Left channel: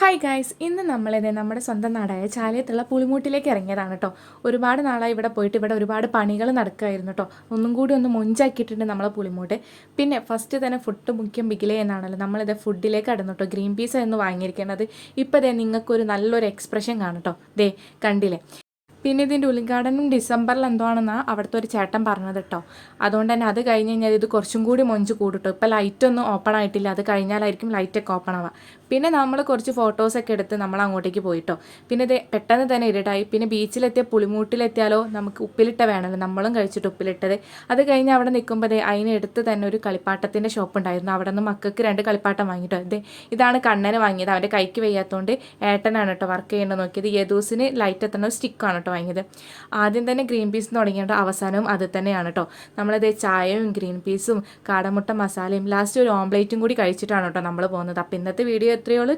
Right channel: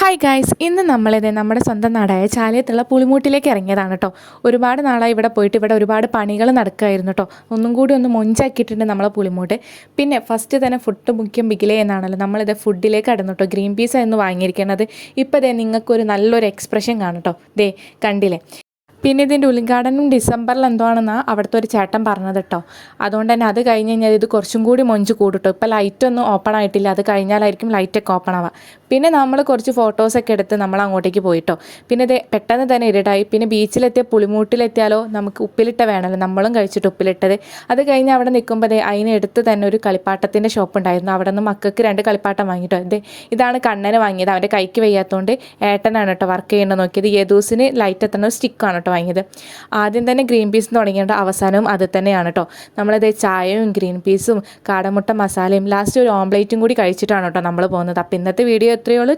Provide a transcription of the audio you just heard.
Hi guys, ഇന്ന് നമ്മളിത് നമ്മുടെ സ്വന്തം നാടായ ചാലിയത്തുള്ള പുളിമൂട്ടിലേക്ക് ഇറങ്ങിയതാണ് കേട്ടോ. ഒരുപാട് നാളായി ഇവിടെ പോയിട്ട് ഇവിടെ ഒരുപാട് പണികൾ നടക്കുമായിരുന്നു കേട്ടോ. ഒന്നും കൂടി ഒന്ന് മൊഞ്ചാക്കിയിട്ടുണ്ട് നമ്മളെ പുളിമൂട്ട്. പിന്നെ ഫസ്റ്റ് തന്നെ ഫുഡ് മുഖ്യം ബിഗിലേ എന്നാണല്ലോ നമ്മളിത് ഫുഡിലേക്ക് കടന്നു കേട്ടോ. ഗ്രീൻ പീസ് ആയിരുന്നു വാങ്ങിയിരിക്കുന്നത്. ഇപ്പോൾ ദേ നിങ്ങൾക്കൊരു നല്ലൊരു എക്സ്പ്രഷൻ കാണും കേട്ടോ. ദേ കണ്ടില്ലേ. പിന്നെ ഇതിൻ്റെ ഉദ്ഘാടനം ഡിസംബറിൽ എന്തോ ആണെന്നാണ് അവിടുത്തെ ഒരു ചേട്ടൻ പറഞ്ഞത് കേട്ടോ. അതുകൊണ്ട് തന്നെ അത് കഴിഞ്ഞ് കഴിഞ്ഞാൽ ഇത് കുറച്ചും കൂടി മൊഞ്ച് കൂടും കേട്ടോ. ഇപ്പോൾ ലൈറ്റൊന്നും ഓപ്പൺ ആയിട്ടില്ല, അത് കഴിഞ്ഞാലായിരിക്കും ലൈറ്റൊക്കെ ഓപ്പൺ ആവുക. പിന്നെ നമ്മൾ കുറച്ച് ഫോട്ടോസൊക്കെ എടുത്ത് നമ്മൾ അങ്ങോട്ടേക്ക് പോയിട്ടോ. പിന്നെ ഇത് പെട്ടെന്ന് തന്നെ ഇരുട്ടായി. പിന്നെ ബീച്ചിലെത്തിയ പുളിമൂട്ടിലെത്തിയാലോ നമുക്ക് ഉപ്പിലിട്ട വേണമല്ലോ, നമ്മളും കഴിച്ചിട്ട് ഉപ്പിലിട്ടത്. അത് കഴിഞ്ഞ് അവിടെ നിൽക്കുമ്പോൾ അതിനടുത്ത് തന്നെ ഒരു കളിപ്പാട്ടത്തിൻ്റെ ഷോപ്പ് ഉണ്ടായിരുന്നു. അവിടെ നിന്ന് മക്കൾക്ക് 2 കളിപ്പാട്ടം വാങ്ങിയിട്ടോ. ഇതാണ് കണ്ണന് വാങ്ങിയത്. അവൻ്റെ കൈക്ക് വയ്യാത്തതുകൊണ്ട് ഏട്ടനാണ് കേട്ടോ വർക്ക് ചെയ്യേണ്ടത് നോക്കിയത്. യേദൂസിന് ലൈറ്റ് എത്തുന്ന സ്റ്റിക്കാണ് കേട്ടോ വാങ്ങിയത്. ആദ്യം തന്നെ ഗ്രീൻ പീസ് തുടങ്ങിയിട്ട് അവസാനവും അത് തന്നെയാണ് കേട്ടോ. നമ്മളത് ചായയും ഗ്രീൻ പീസും കാടമുട്ട മസാലയും ലാസ്റ്റ് ഒരു ഓംപ്ലേറ്റും കൂടി കഴിച്ചിട്ടാണ് കേട്ടോ നമ്മൾ പോകുന്നത്. അപ്പോൾ ഇന്നത്തെ വീഡിയോ എത്രയുള്ളൂ.